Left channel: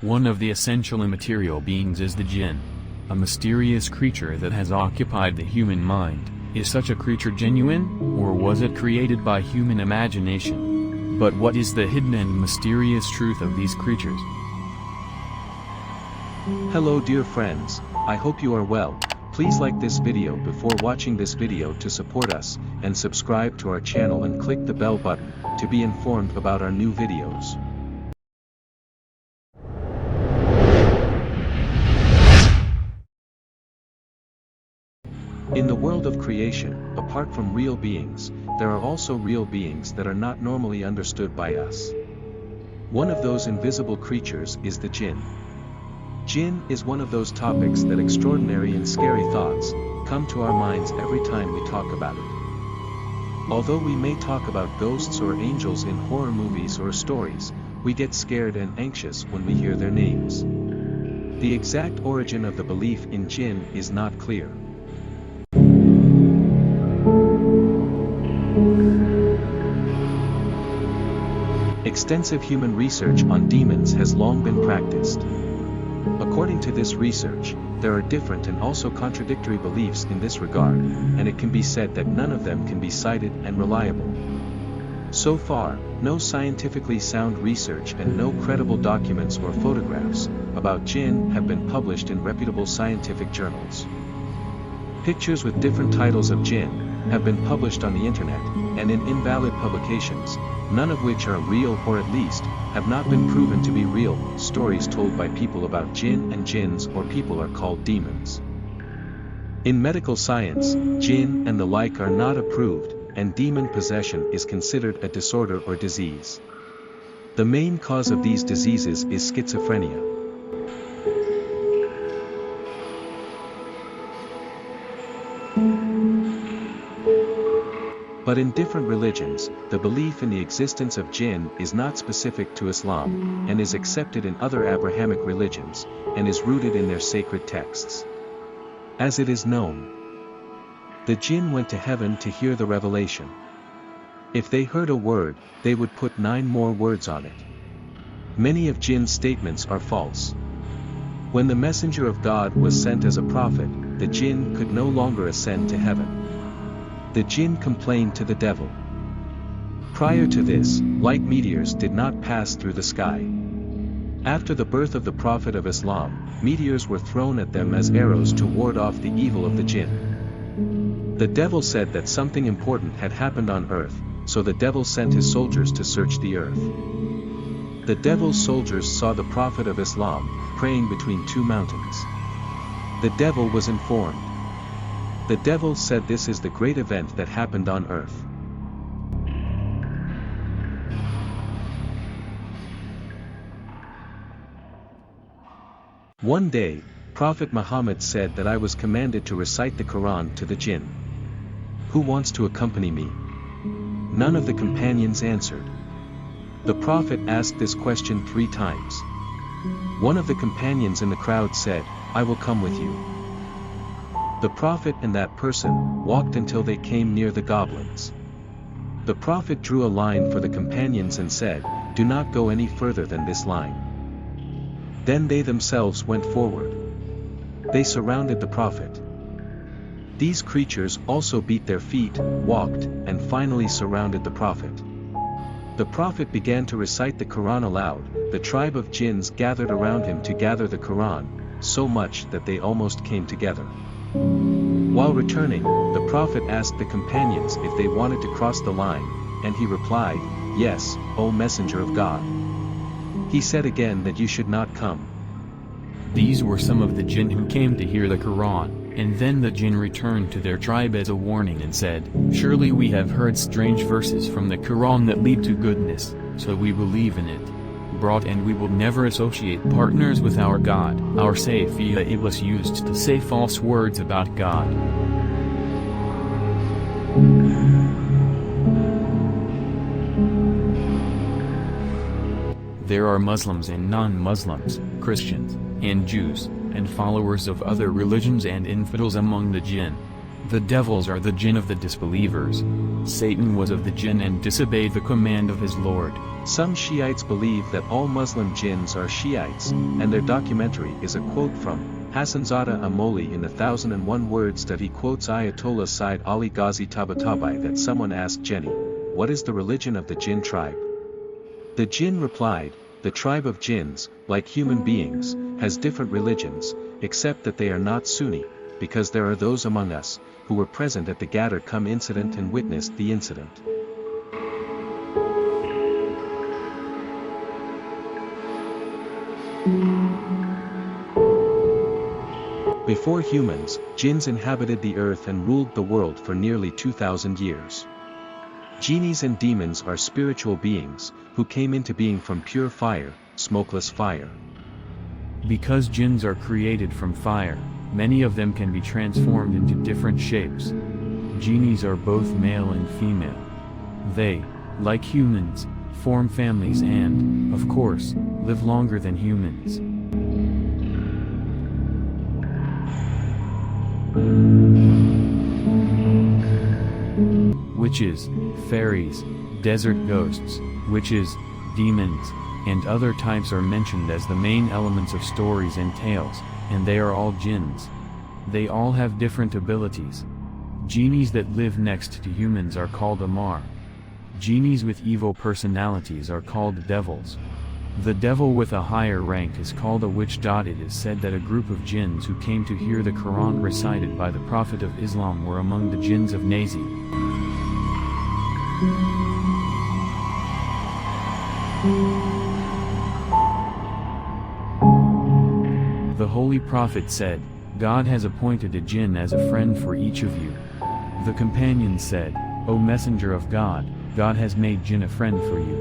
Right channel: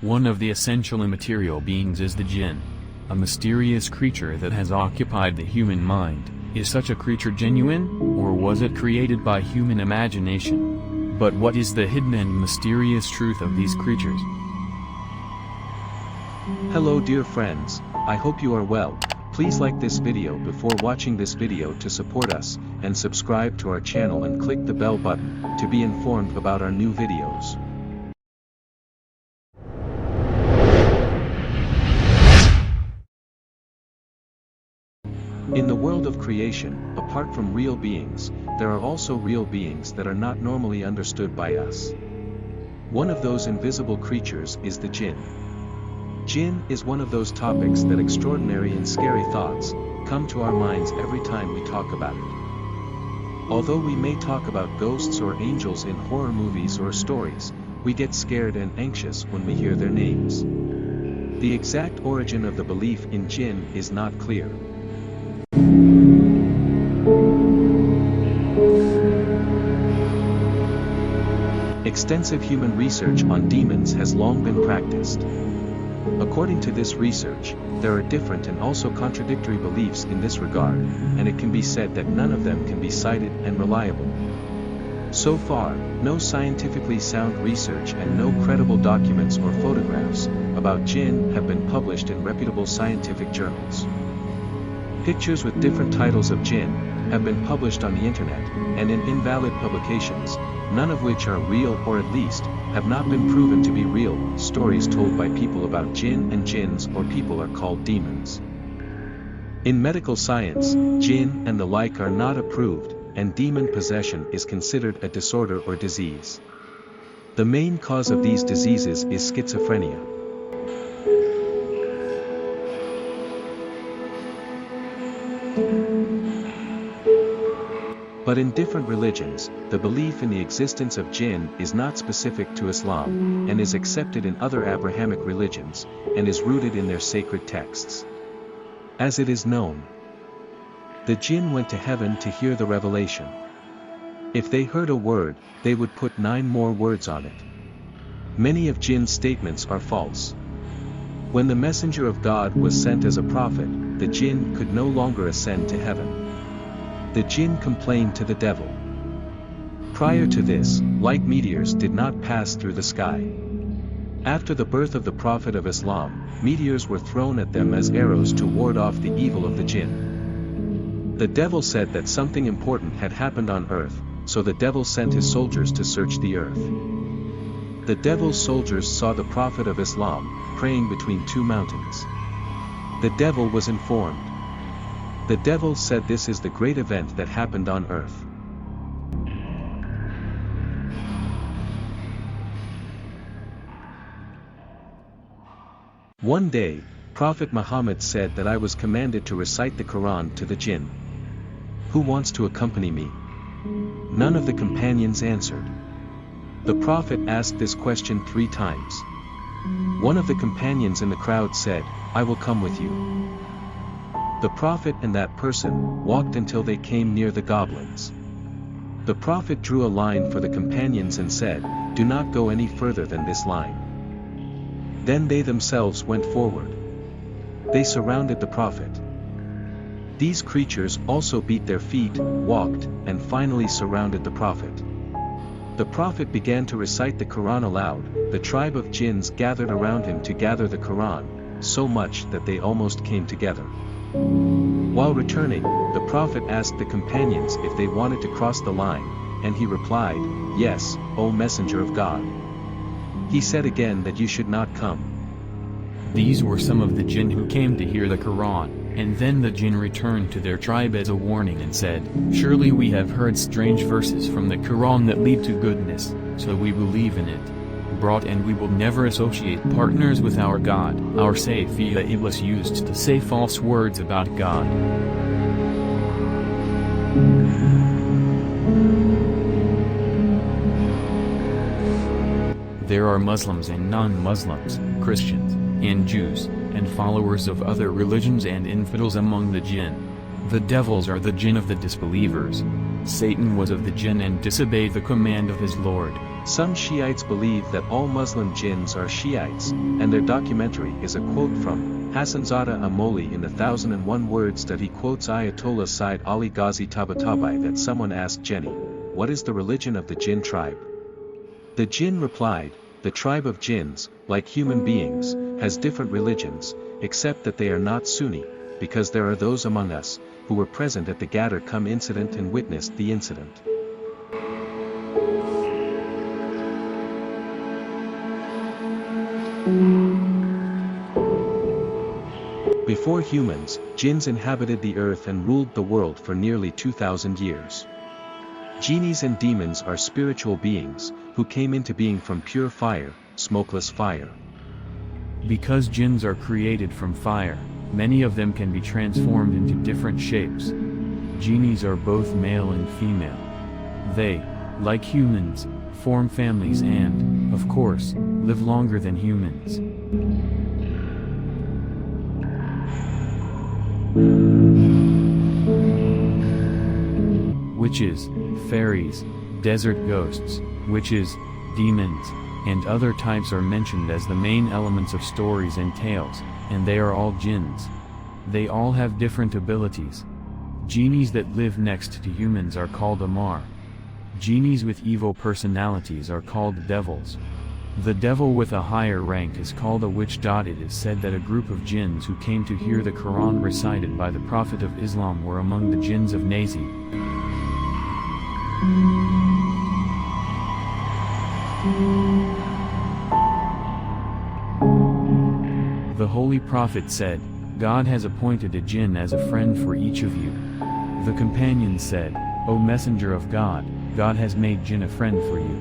One of the essential immaterial beings is the jinn. A mysterious creature that has occupied the human mind. Is such a creature genuine, or was it created by human imagination? But what is the hidden and mysterious truth of these creatures? Hello dear friends, I hope you are well. Please like this video before watching this video to support us, and subscribe to our channel and click the bell button, to be informed about our new videos. In the world of creation, apart from real beings, there are also real beings that are not normally understood by us. One of those invisible creatures is the jinn. Jinn is one of those topics that extraordinary and scary thoughts come to our minds every time we talk about it. Although we may talk about ghosts or angels in horror movies or stories, we get scared and anxious when we hear their names. The exact origin of the belief in jinn is not clear. Extensive human research on demons has long been practiced. According to this research, there are different and also contradictory beliefs in this regard, and it can be said that none of them can be cited and reliable. So far, no scientifically sound research and no credible documents or photographs about jinn have been published in reputable scientific journals. Pictures with different titles of jinn have been published on the internet, and in invalid publications, none of which are real or at least have not been proven to be real. Stories told by people about jinn and jinns or people are called demons. In medical science, jinn and the like are not approved, and demon possession is considered a disorder or disease. The main cause of these diseases is schizophrenia. But in different religions, the belief in the existence of jinn is not specific to Islam, and is accepted in other Abrahamic religions, and is rooted in their sacred texts. As it is known, the jinn went to heaven to hear the revelation. If they heard a word, they would put 9 more words on it. Many of jinn's statements are false. When the messenger of God was sent as a prophet, the jinn could no longer ascend to heaven. The jinn complained to the devil. Prior to this, light meteors did not pass through the sky. After the birth of the Prophet of Islam, meteors were thrown at them as arrows to ward off the evil of the jinn. The devil said that something important had happened on earth, so the devil sent his soldiers to search the earth. The devil's soldiers saw the Prophet of Islam praying between 2 mountains. The devil was informed. The devil said this is the great event that happened on earth. One day, Prophet Muhammad said that I was commanded to recite the Quran to the jinn. Who wants to accompany me? None of the companions answered. The Prophet asked this question 3 times. One of the companions in the crowd said, I will come with you. The Prophet and that person walked until they came near the goblins. The Prophet drew a line for the companions and said, do not go any further than this line. Then they themselves went forward. They surrounded the Prophet. These creatures also beat their feet, walked, and finally surrounded the Prophet. The Prophet began to recite the Quran aloud. The tribe of jinns gathered around him to gather the Quran, so much that they almost came together. While returning, the Prophet asked the companions if they wanted to cross the line, and he replied, yes, O Messenger of God. He said again that you should not come. These were some of the jinn who came to hear the Quran, and then the jinn returned to their tribe as a warning and said, surely we have heard strange verses from the Quran that lead to goodness, so we believe in it. Brought and we will never associate partners with our God. Our Safiya Iblis used to say false words about God. There are Muslims and non-Muslims, Christians, and Jews, and followers of other religions and infidels among the jinn. The devils are the jinn of the disbelievers. Satan was of the jinn and disobeyed the command of his Lord. Some Shiites believe that all Muslim jinns are Shiites, and their documentary is a quote from Hassanzada Amoli in the 1001 Words that he quotes Ayatollah Said Ali Ghazi Tabatabai that someone asked Jenny, "What is the religion of the Jinn tribe?" The Jinn replied, "The tribe of jinns, like human beings, has different religions, except that they are not Sunni, because there are those among us, who were present at the Gadar Kum incident and witnessed the incident." Before humans, jinns inhabited the earth and ruled the world for nearly 2,000 years. Genies and demons are spiritual beings, who came into being from pure fire, smokeless fire. Because jinns are created from fire, many of them can be transformed into different shapes. Genies are both male and female. They, like humans, form families and, of course, live longer than humans. Witches, fairies, desert ghosts, witches, demons, and other types are mentioned as the main elements of stories and tales, and they are all jinns. They all have different abilities. Genies that live next to humans are called Amar. Genies with evil personalities are called devils. The devil with a higher rank is called a witch. It is said that a group of jinns who came to hear the Quran recited by the Prophet of Islam were among the jinns of Nazi. The Holy Prophet said, "God has appointed a jinn as a friend for each of you." The companions said, "O Messenger of God, God has made jinn a friend for you."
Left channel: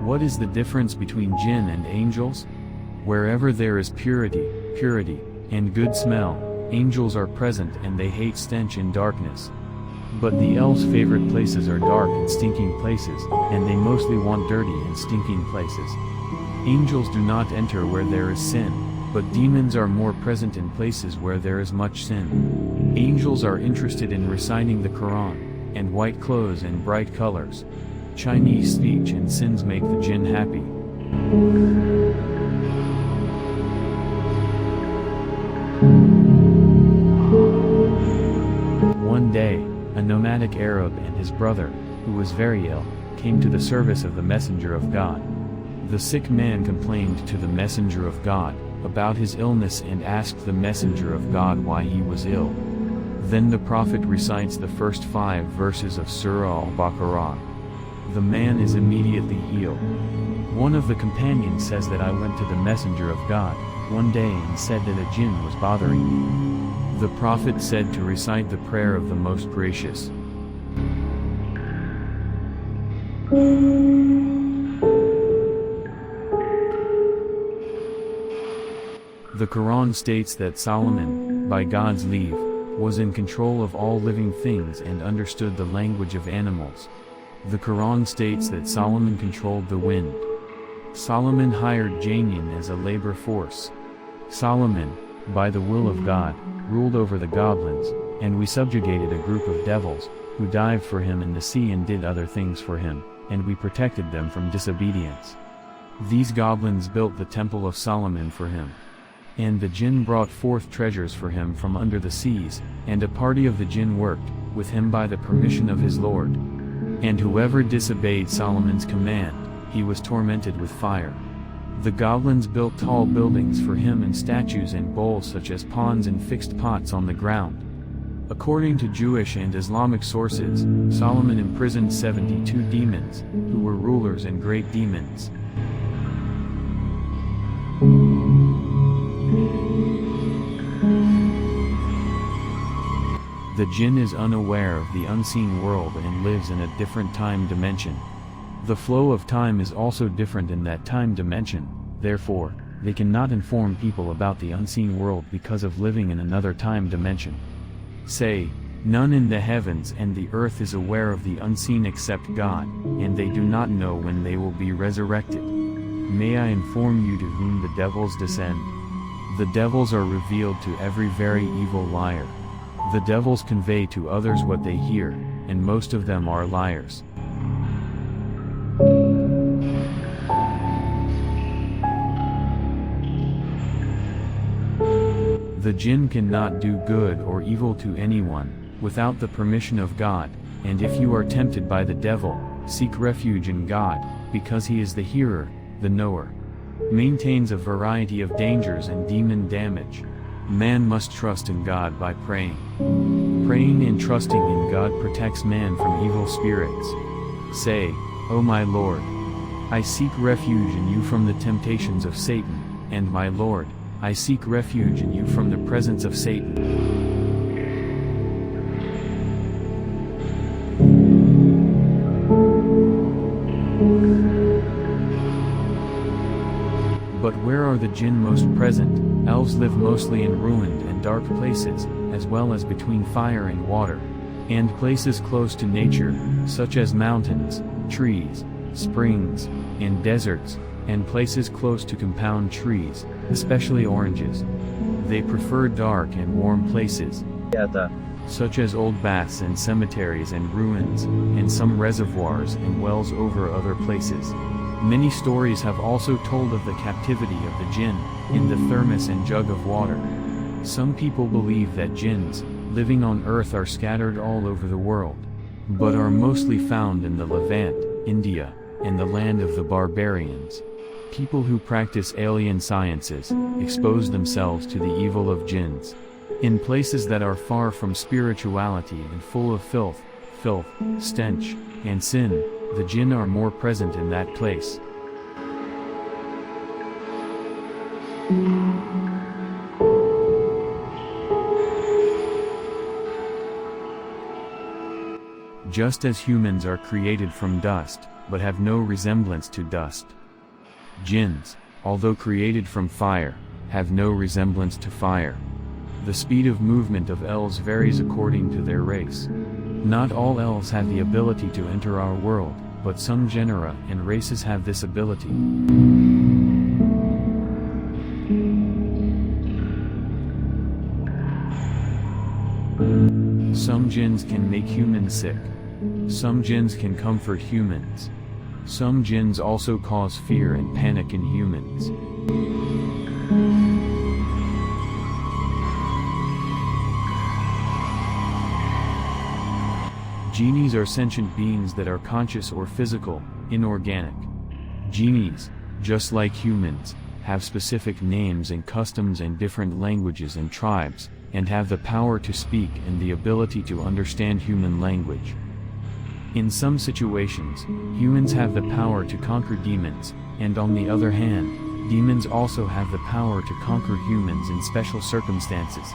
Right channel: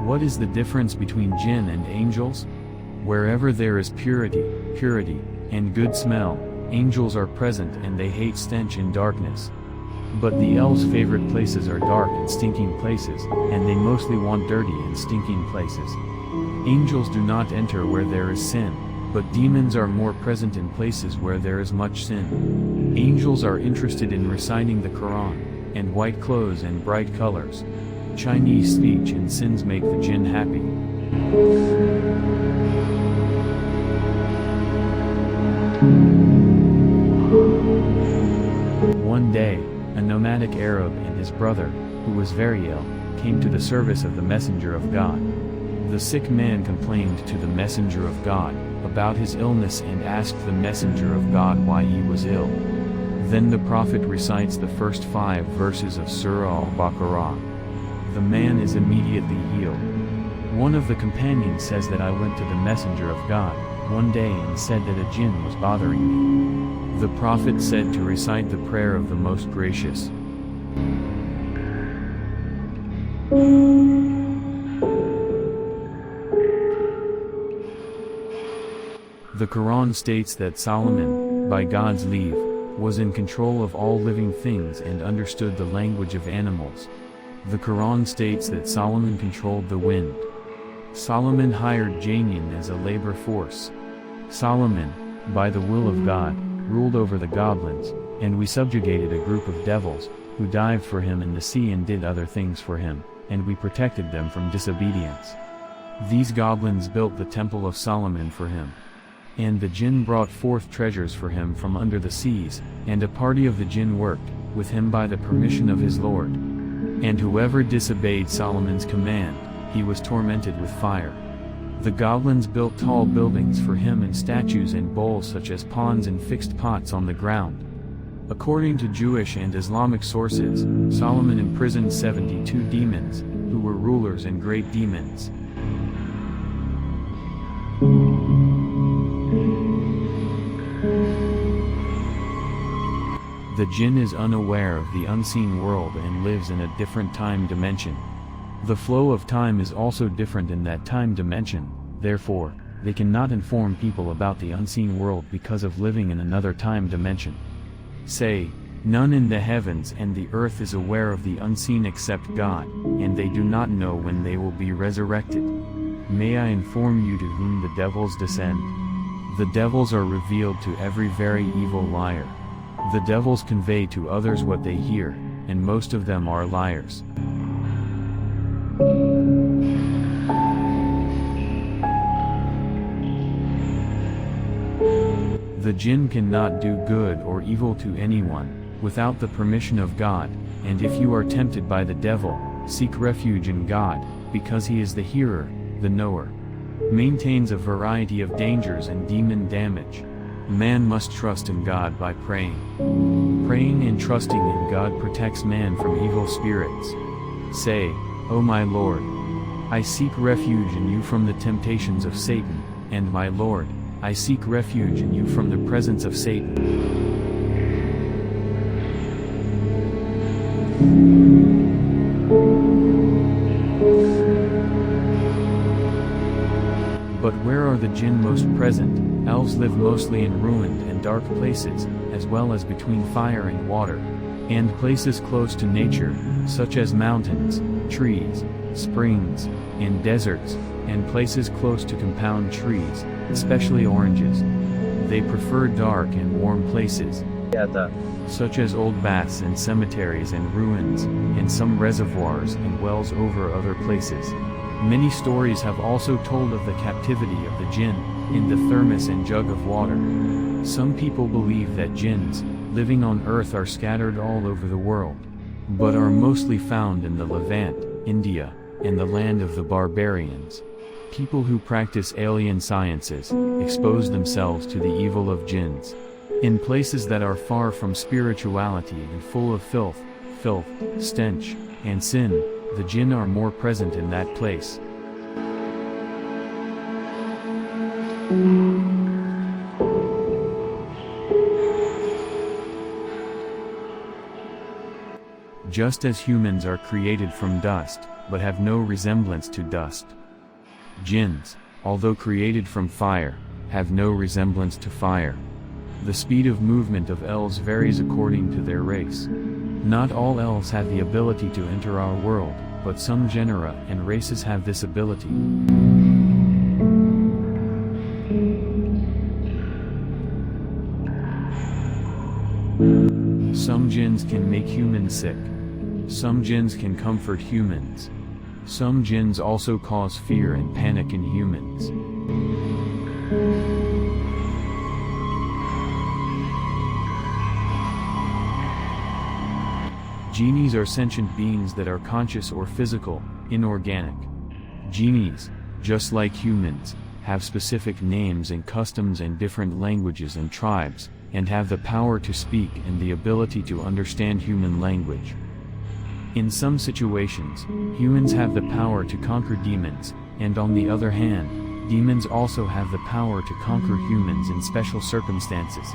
What is the difference between jinn and angels? Wherever there is purity, and good smell, angels are present and they hate stench and darkness. But the elves' favorite places are dark and stinking places, and they mostly want dirty and stinking places. Angels do not enter where there is sin, but demons are more present in places where there is much sin. Angels are interested in reciting the Quran, and white clothes and bright colors. Chinese speech and sins make the jinn happy. One day, a nomadic Arab and his brother, who was very ill, came to the service of the Messenger of God. The sick man complained to the Messenger of God about his illness and asked the Messenger of God why he was ill. Then the Prophet recites the first 5 verses of Surah Al-Baqarah. The man is immediately healed. One of the companions says that I went to the Messenger of God one day and said that a jinn was bothering me. The Prophet said to recite the prayer of the Most Gracious. The Quran states that Solomon, by God's leave, was in control of all living things and understood the language of animals. The Quran states that Solomon controlled the wind. Solomon hired Jinn as a labor force. Solomon, by the will of God, ruled over the goblins, and we subjugated a group of devils, who dived for him in the sea and did other things for him, and we protected them from disobedience. These goblins built the temple of Solomon for him. And the jinn brought forth treasures for him from under the seas, and a party of the jinn worked with him by the permission of his Lord. And whoever disobeyed Solomon's command, he was tormented with fire. The goblins built tall buildings for him and statues and bowls such as ponds and fixed pots on the ground. According to Jewish and Islamic sources, Solomon imprisoned 72 demons, who were rulers and great demons. The jinn is unaware of the unseen world and lives in a different time dimension. The flow of time is also different in that time dimension, therefore, they cannot inform people about the unseen world because of living in another time dimension. Say, none in the heavens and the earth is aware of the unseen except God, and they do not know when they will be resurrected. May I inform you to whom the devils descend? The devils are revealed to every very evil liar. The devils convey to others what they hear, and most of them are liars. The jinn cannot do good or evil to anyone, without the permission of God, and if you are tempted by the devil, seek refuge in God, because he is the hearer, the knower. Maintains a variety of dangers and demon damage. Man must trust in God by praying. Praying and trusting in God protects man from evil spirits. Say, O my Lord, I seek refuge in you from the temptations of Satan, and my Lord, I seek refuge in you from the presence of Satan. But where are the jinn most present? Elves live mostly in ruined and dark places, as well as between fire and water, and places close to nature, such as mountains, trees, springs, and deserts, and places close to compound trees, especially oranges. They prefer dark and warm places, such as old baths and cemeteries and ruins, and some reservoirs and wells over other places. Many stories have also told of the captivity of the jinn, in the thermos and jug of water. Some people believe that jinns, living on earth, are scattered all over the world, but are mostly found in the Levant, India, and the land of the barbarians. People who practice alien sciences, expose themselves to the evil of jinns. In places that are far from spirituality and full of filth, stench, and sin, the jinn are more present in that place. Just as humans are created from dust, but have no resemblance to dust, jinns, although created from fire, have no resemblance to fire. The speed of movement of elves varies according to their race. Not all elves have the ability to enter our world, but some genera and races have this ability. Some jinns can make humans sick. Some jinns can comfort humans. Some jinns also cause fear and panic in humans. Genies are sentient beings that are conscious or physical, inorganic. Genies, just like humans, have specific names and customs and different languages and tribes, and have the power to speak and the ability to understand human language. In some situations, humans have the power to conquer demons, and on the other hand, demons also have the power to conquer humans in special circumstances.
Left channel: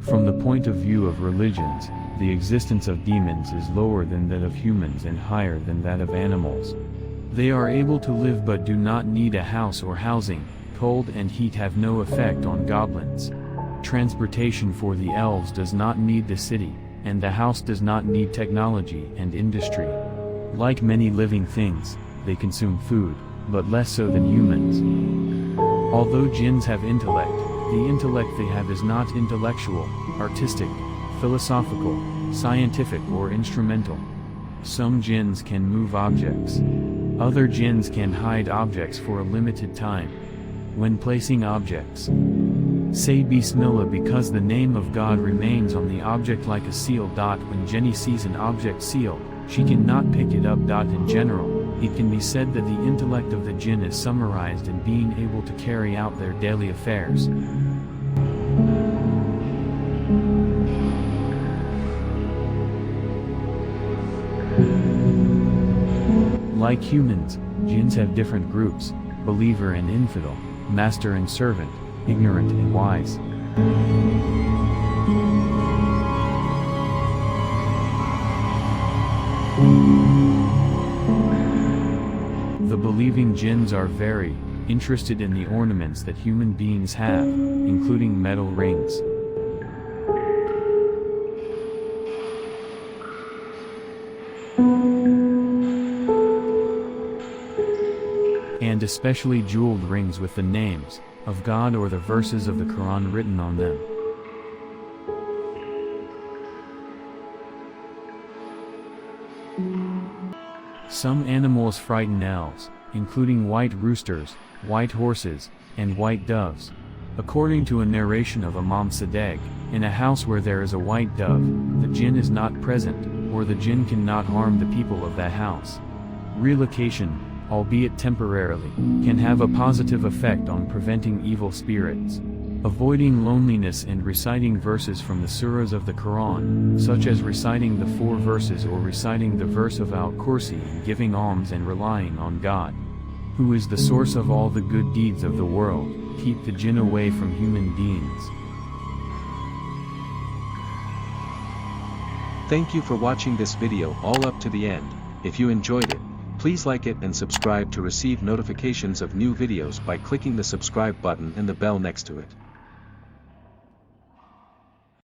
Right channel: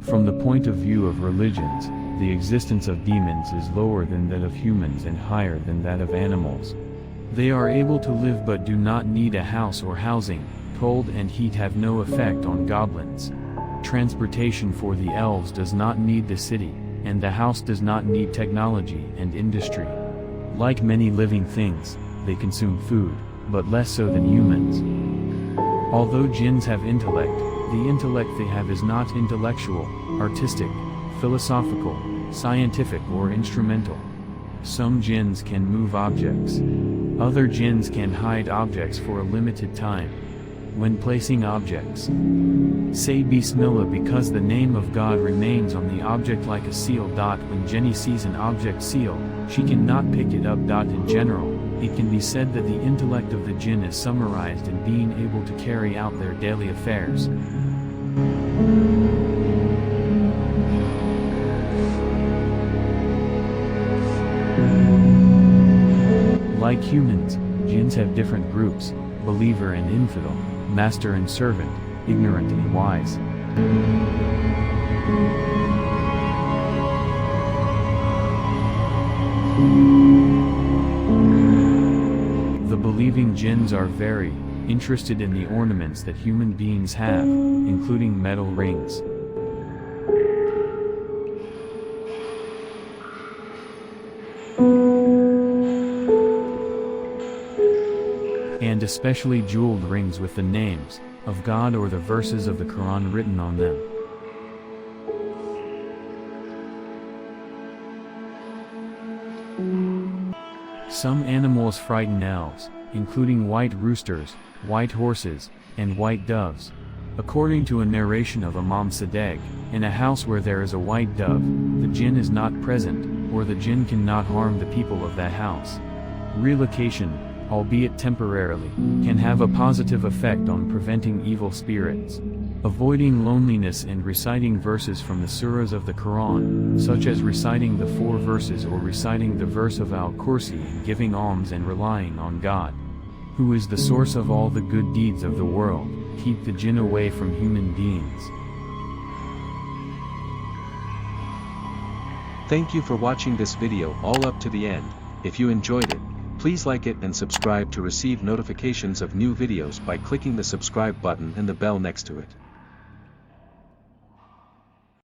From the point of view of religions, the existence of demons is lower than that of humans and higher than that of animals. They are able to live but do not need a house or housing. Cold and heat have no effect on goblins. Transportation for the elves does not need the city, and the house does not need technology and industry. Like many living things, they consume food, but less so than humans. Although jinns have intellect, the intellect they have is not intellectual, artistic, philosophical, scientific or instrumental. Some jinns can move objects. Other jinns can hide objects for a limited time. When placing objects, say Bismillah because the name of God remains on the object like a seal. When Jenny sees an object sealed, she cannot pick it up. In general, it can be said that the intellect of the jinn is summarized in being able to carry out their daily affairs. Like humans, jinns have different groups: believer and infidel, master and servant, ignorant and wise. The believing jinns are very interested in the ornaments that human beings have, including metal rings. and especially jeweled rings with the names of God or the verses of the Quran written on them. Some animals frighten elves, including white roosters, white horses, and white doves. According to a narration of Imam Sadegh, in a house where there is a white dove, the jinn is not present, or the jinn cannot harm the people of that house. Relocation, albeit temporarily, can have a positive effect on preventing evil spirits. Avoiding loneliness and reciting verses from the surahs of the Quran, such as reciting the 4 verses or reciting the verse of Al-Kursi, and giving alms and relying on God, who is the source of all the good deeds of the world, keep the jinn away from human beings. Thank you for watching this video all up to the end. If you enjoyed it, please like it and subscribe to receive notifications of new videos by clicking the subscribe button and the bell next to it.